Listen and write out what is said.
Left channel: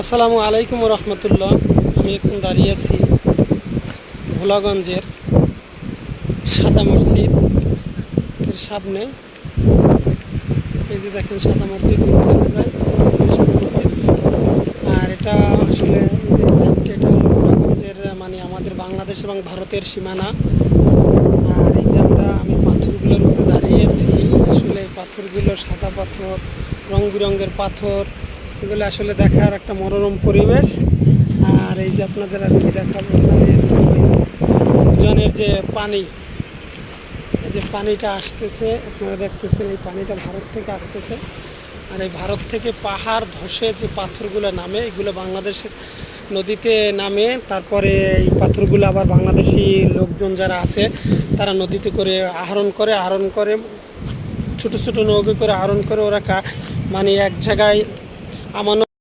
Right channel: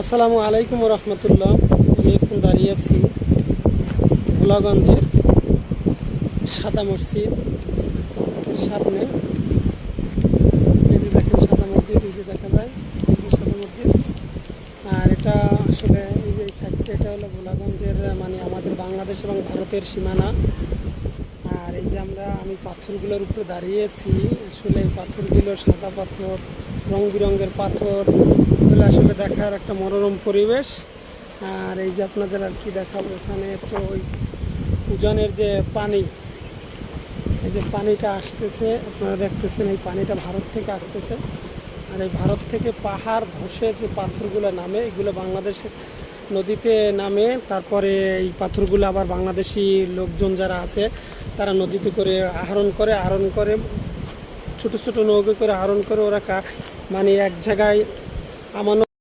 আসসালামু আলাইকুম রহমতুল্লাহ। আমি এখন দাঁড়িয়ে আছি ভোলাগঞ্জের সাদা মসজিদ এর সামনে। এই যে দেখেন সাদা মসজিদ, ওই যে দেখা যায় সাদা মসজিদ। আর এটা আসলে এই যে সাইডটা, এটা হলো ভোলাগঞ্জের মানে আমাদের বাংলাদেশ এবং ভারতের সীমানা। আর এই যে আমি পাথরগুলোর উপরে দাঁড়িয়েছি, আসলে এই পাথরগুলো সাদা পাথর, রং বেরঙের পাথর, এগুলো আসলে দেখার একটা মনোরম পরিবেশ। আর এই যে আপনাদের আর কি দেখাবো, ওখানে ওই উজানের যে পানি, এই যে পানিটা আসতেছে, আপনারা দেখতেছেন এই পানিটা ভারত থেকে আসতেছে। আর এই ভারত থেকে পাহাড় ধসে যে পাথরগুলো নামে, এগুলো বাংলাদেশের নদীতে নামে। তারপরে এই পাথরগুলো আবার বাংলাদেশি লোকজন যারা আছে তারা নদীতে করে আহরণ করে ছোট ছোট নৌকো করে আহরণ করে ওরা মানে এক জায়গায় আমানত